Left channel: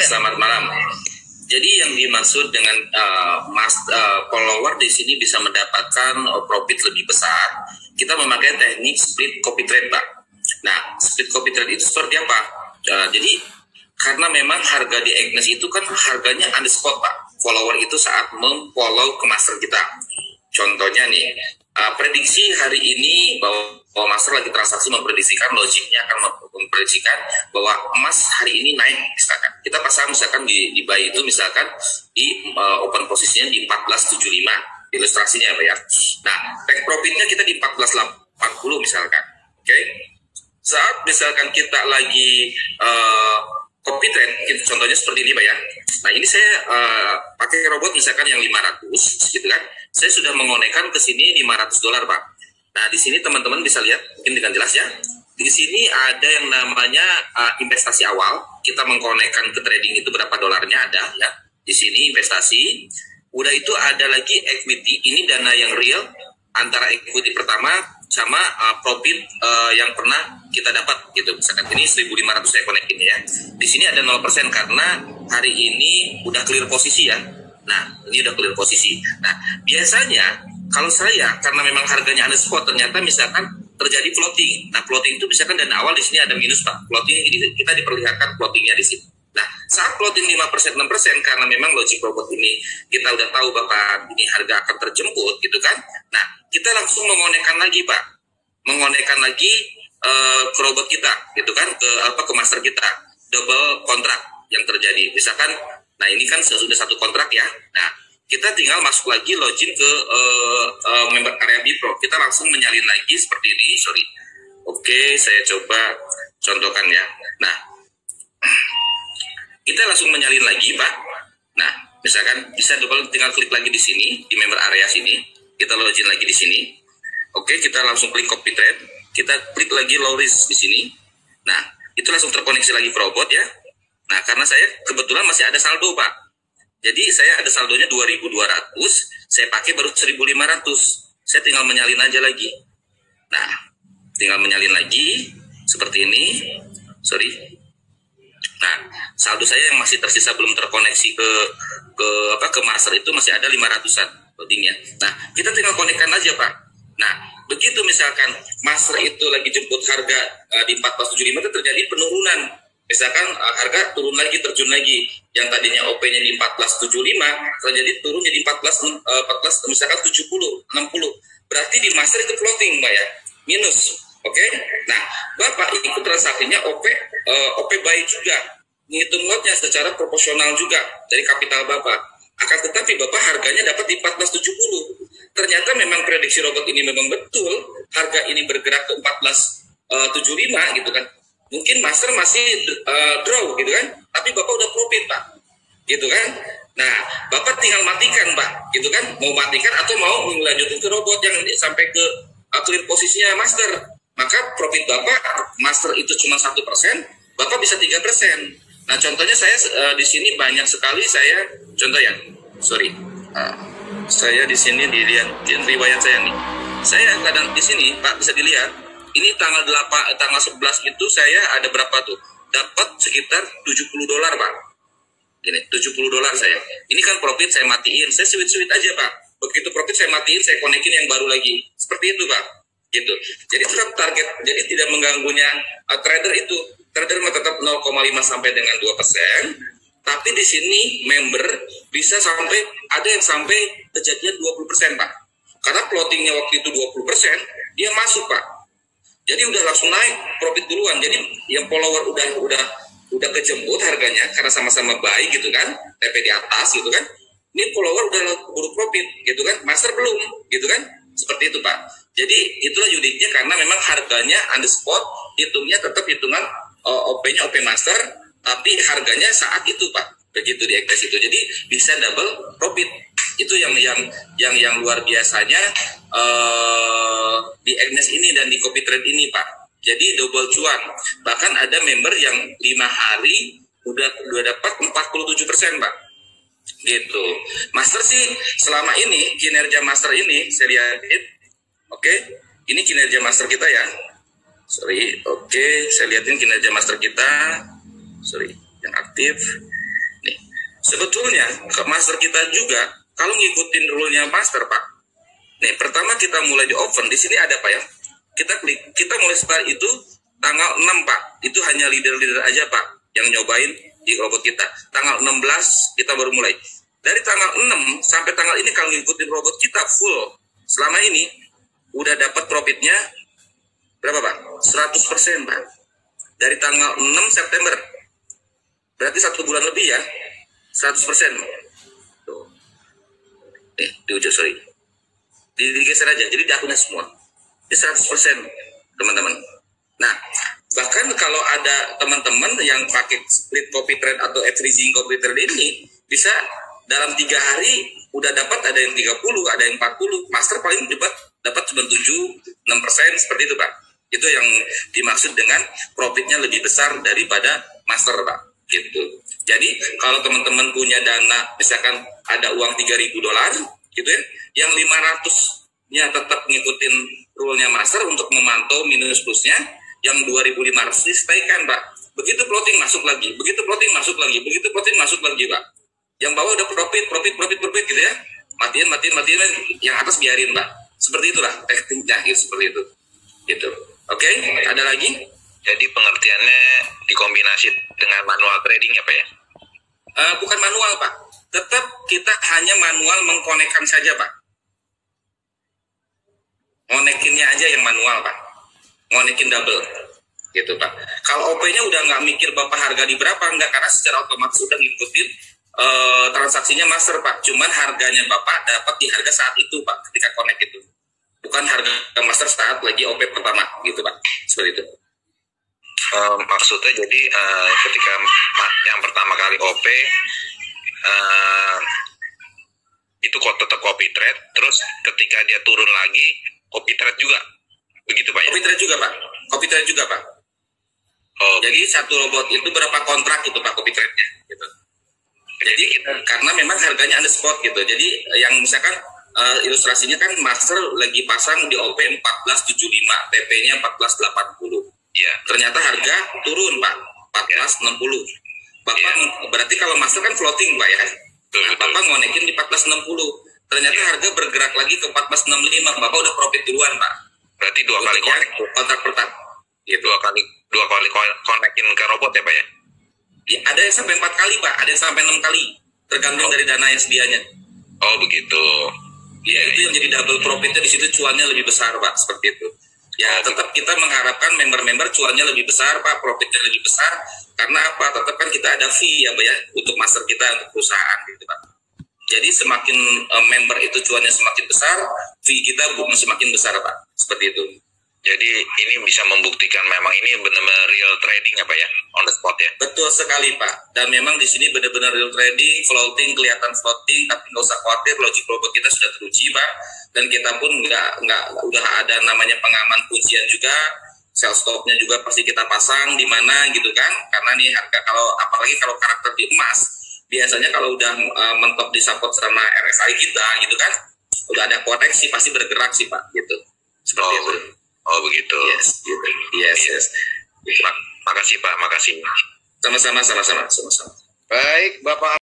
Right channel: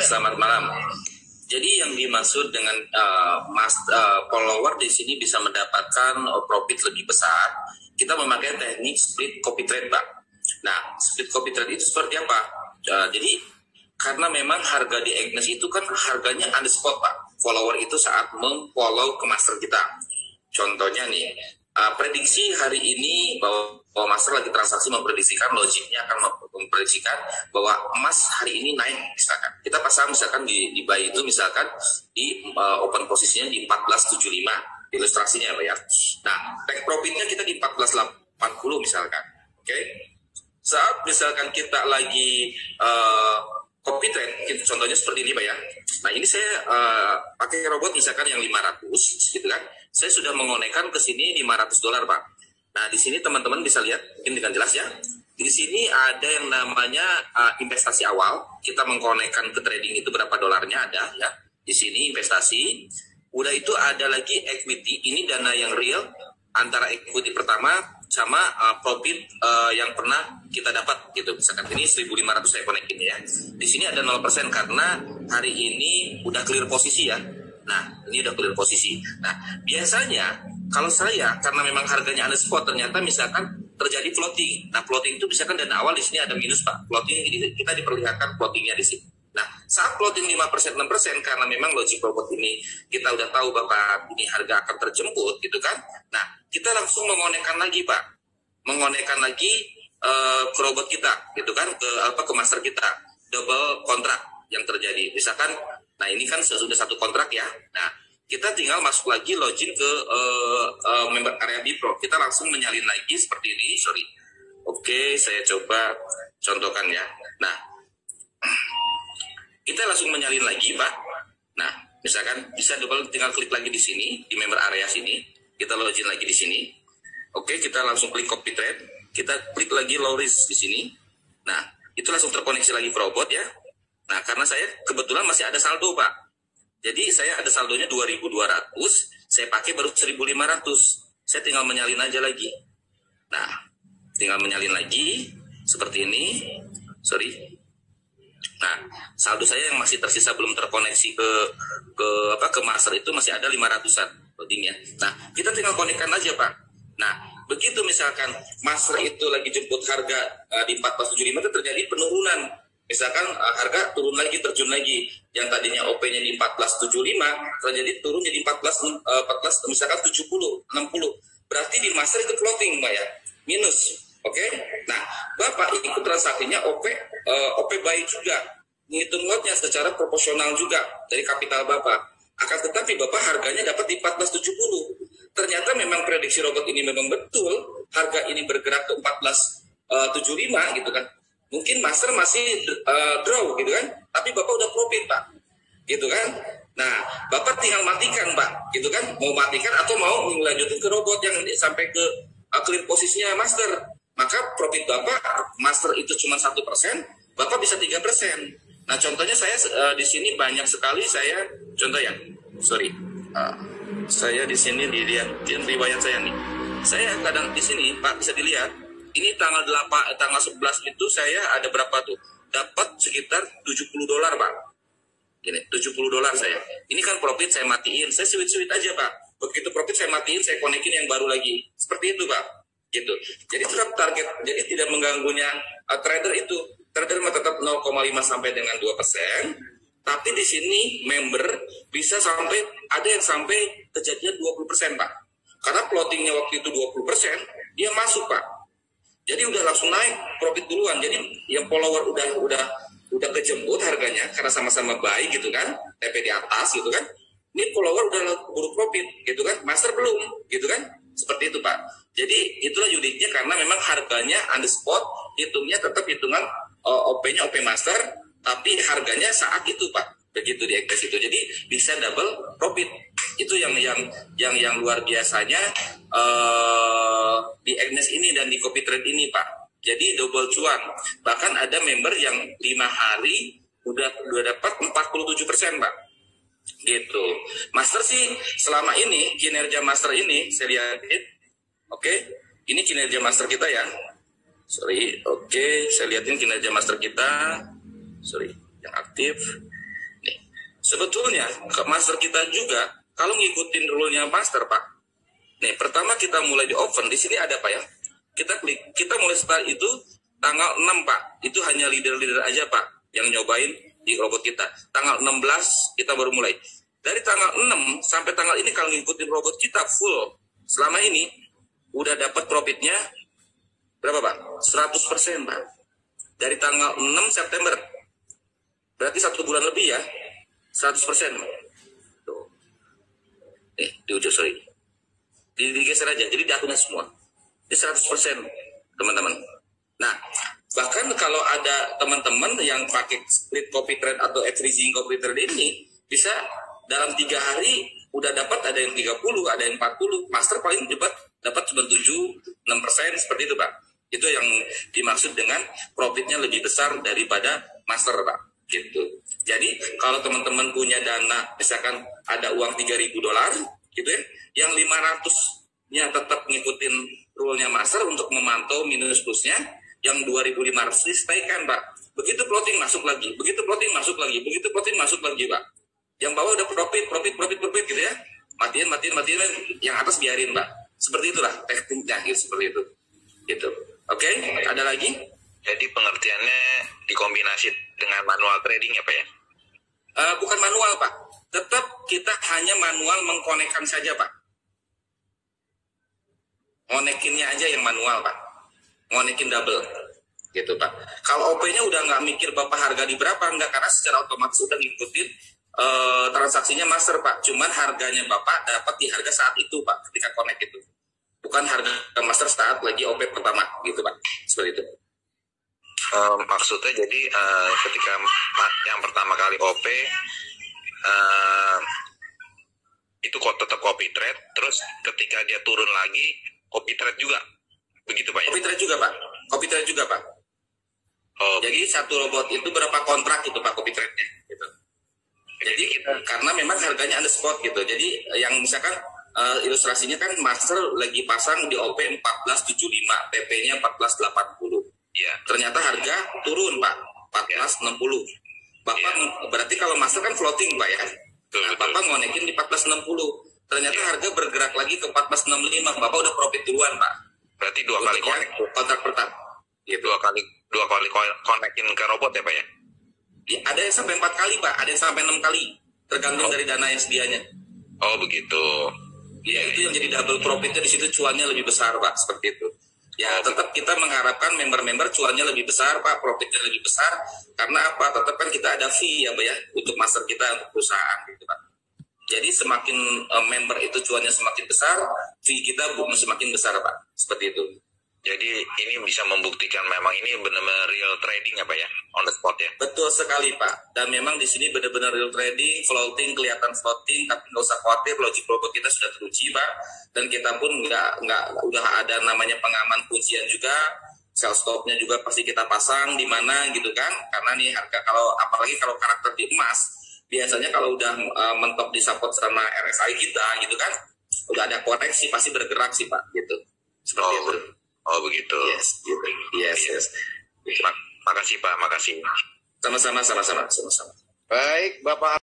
selamat malam. Jadi yang dimaksud dengan follower di sini bisa mendapatkan profit lebih besar, kita memakai teknik split copy trade, Pak. Nah, split copy trade itu seperti apa? Jadi karena memang harga di Agnes itu kan harganya on the spot, Pak. Follower itu saat memfollow ke master kita. Contohnya nih, prediksi hari ini bahwa master lagi transaksi memprediksikan, logiknya akan memprediksikan bahwa emas hari ini naik, misalkan. Kita pasang misalkan di buy itu misalkan di open posisinya di 1475, ilustrasinya ya Pak ya. Nah, take profitnya kita di 1480 misalkan. Oke. Saat misalkan kita lagi copy trade, contohnya seperti ini Pak ya. Nah ini saya pakai robot misalkan yang 500 gitu kan. Saya sudah mengonekkan ke sini $500 Pak. Nah di sini teman-teman bisa lihat mungkin dengan jelas ya. Di sini ada yang namanya investasi awal. Kita mengkonekkan ke trading itu berapa dolarnya ada ya. Di sini investasi. Udah itu ada lagi equity. Ini dana yang real antara equity pertama sama profit yang pernah kita dapat gitu. Misalkan ini 1.500 saya konekin ya. Di sini ada 0% karena hari ini udah clear posisi ya. Nah, ini udah clear posisi. Nah, biasanya kalau saya karena memang harganya on the spot ternyata misalkan terjadi floating. Nah, floating itu misalkan dana awal di sini ada minus Pak. Floating kita diperlihatkan floatingnya di sini. Nah, saat floating 5%, 6% karena memang logik robot ini kita udah tahu Bapak ini harga akan terjemput gitu kan. Nah, kita langsung mengonekkan lagi Pak. Mengonekkan lagi ke robot kita gitu kan, ke master kita. Double kontrak yang terjadi. Misalkan, nah ini kan sudah satu kontrak ya. Nah, kita tinggal masuk lagi login ke member area Bipro. Kita langsung menyalin lagi seperti ini, sorry. Oke, saya coba contohkan ya. Nah, kita langsung menyalin lagi Pak. Nah misalkan bisa tinggal klik lagi di sini di member area sini, kita login lagi di sini. Oke, kita langsung klik copy trade, kita klik lagi low risk di sini. Nah itu langsung terkoneksi lagi ke robot ya. Nah karena saya kebetulan masih ada saldo Pak, jadi saya ada saldonya 2.200, saya pakai baru 1.500, saya tinggal menyalin aja lagi. Nah tinggal menyalin lagi seperti ini, sorry. Nah, saldo saya yang masih tersisa belum terkoneksi ke master itu masih ada 500-an loadingnya. Nah, kita tinggal konekkan aja, Pak. Nah, begitu misalkan master itu lagi jemput harga di 1475 itu terjadi penurunan. Misalkan harga turun lagi, terjun lagi. Yang tadinya OP-nya di 1475 terjadi turun jadi 14 misalkan 70, 60. Berarti di master itu floating, Mbak ya. Minus. Oke, nah Bapak ikut transaksinya OP baik juga, ngitung lotnya secara proporsional juga dari kapital Bapak. Akan tetapi Bapak harganya dapat di 1470. Ternyata memang prediksi robot ini memang betul, harga ini bergerak ke 1475 gitu kan. Mungkin master masih draw gitu kan, tapi Bapak udah profit Pak, gitu kan. Nah Bapak tinggal matikan Pak, gitu kan. Mau matikan atau mau melanjutin ke robot yang sampai ke clear posisinya master. Maka profit Bapak master itu cuma 1%, Bapak bisa 3%. Nah contohnya saya di sini banyak sekali saya contoh ya, sorry, saya di sini dilihat riwayat saya nih. Saya kadang di sini Pak bisa dilihat, ini tanggal 11 itu saya ada berapa tuh? Dapat sekitar $70 Pak. Gini, $70 saya. Ini kan profit saya matiin, saya switch aja Pak. Begitu profit saya matiin, saya konekin yang baru lagi. Seperti itu Pak. Gitu. Jadi tetap target, jadi tidak mengganggunya trader itu. Trader tetap 0,5 sampai dengan 2%, tapi di sini member bisa sampai ada yang sampai kejadian 20% Pak. Karena plottingnya waktu itu 20%, dia masuk Pak. Jadi udah langsung naik profit duluan. Jadi yang follower udah kejemput harganya karena sama-sama baik gitu kan, TP di atas gitu kan. Ini follower udah buru profit gitu kan, master belum gitu kan. Seperti itu Pak. Jadi itulah uniknya karena memang harganya on the spot, hitungnya tetap hitungan OP-nya OP master, tapi harganya saat itu Pak. Begitu di Agnes itu. Jadi bisa double profit. Itu yang luar biasanya di Agnes ini dan di copy trade ini Pak. Jadi double cuan. Bahkan ada member yang 5 hari udah dapat 47% Pak. Gitu. Master sih selama ini kinerja master ini saya lihat. Oke, ini kinerja master kita ya. Sorry, oke, saya lihatin kinerja master kita. Sorry, yang aktif. Sebetulnya ke master kita juga kalau ngikutin rule-nya master Pak. Nih pertama kita mulai di oven, di sini ada Pak ya. Kita klik, kita mulai start itu tanggal 6 Pak. Itu hanya leader-leader aja Pak yang nyobain di robot kita. Tanggal 16 kita baru mulai. Dari tanggal 6 sampai tanggal ini kalau ngikutin robot kita full selama ini udah dapat profitnya berapa Pak? 100% Pak. Dari tanggal 6 September. Berarti 1 bulan lebih ya. 100%. Tuh. Di ujung sorry. Digeser aja. Jadi di akunnya semua. Di 100% teman-teman. Nah, bahkan kalau ada teman-teman yang pakai split copy trade atau averaging copy trade ini bisa dalam 3 hari udah dapat, ada yang 30, ada yang 40. Master paling dapat cuma 7-6% seperti itu Pak. Itu yang dimaksud dengan profitnya lebih besar daripada master Pak. Gitu. Jadi kalau teman-teman punya dana, misalkan ada uang $3.000 gitu ya, yang 500-nya tetap ngikutin rule-nya master untuk memantau minus plusnya, yang 2.500 di stay kan Pak. Begitu plotting masuk lagi, begitu plotting masuk lagi, begitu plotting masuk lagi Pak. Yang bawah udah profit gitu ya. Matiin, yang atas biarin Pak. Seperti itulah tekniknya gitu, seperti itu. Gitu. Oke, ada lagi? Jadi pengertiannya dikombinasi dengan manual trading ya Pak ya? Bukan manual Pak. Tetap kita hanya manual mengkonekkan saja Pak. Ngonekinnya aja yang manual Pak. Ngonekin double. Gitu Pak. Kalau OP-nya udah nggak mikir Bapak harga di berapa, enggak, karena secara otomatis udah ngikutin transaksinya master Pak. Cuman harganya Bapak dapat di harga saat itu Pak, ketika connect itu. Bukan harga master saat lagi OP pertama gitu Pak. Seperti itu. Maksudnya jadi ketika yang pertama kali OP itu kok tetap copy trade, terus ketika dia turun lagi copy trade juga, begitu Pak ya? Copy trade juga Pak. Oh, jadi satu robot itu berapa kontrak itu Pak copy trade-nya gitu. Jadi karena memang harganya on the spot gitu. Jadi yang misalkan ilustrasinya kan master lagi pasang di OP 1475, TP-nya 1480. Ya. Ternyata harga turun Pak, 1460. Bapak berarti kalau master kan floating Pak ya. Nah, Bapak ngonekin di 1460. Ternyata harga bergerak lagi ke 1465. Bapak udah profit duluan Pak. Berarti dua kali kontrak pertama. Gitu. Dua kali konekin ke robot ya Pak ya? Ya, ada yang sampai 4 kali Pak, ada yang sampai 6 kali. Tergantung dari dana yang sedianya. Oh begitu. Ya itu yang jadi double profitnya di situ, cuannya lebih besar Pak, seperti itu. Ya tetap kita mengharapkan member-member cuannya lebih besar Pak, profitnya lebih besar. Karena apa? Tetap kan kita ada fee ya Pak ya, untuk master kita, untuk perusahaan gitu Pak. Jadi semakin member itu cuannya semakin besar, fee kita semakin besar Pak, seperti itu. Jadi ini bisa membuktikan memang ini benar-benar real trading ya Pak ya, on the spot ya. Betul sekali Pak. Dan memang di sini benar-benar real trading, floating, kelihatan floating, tapi nggak usah khawatir, logic robot kita sudah teruji Pak. Dan kita pun nggak udah ada namanya pengaman kuncian juga, sell stopnya juga pasti kita pasang di mana gitu kan. Karena nih harga kalau apalagi kalau karakter di emas, biasanya kalau udah mentok di support sama RSI kita gitu kan, udah ada koreksi pasti bergerak sih Pak gitu. Seperti itu. Oh begitu. Yes, gitu. Yes. Makasih Pak, makasih. Sama-sama. Baik, Bapak.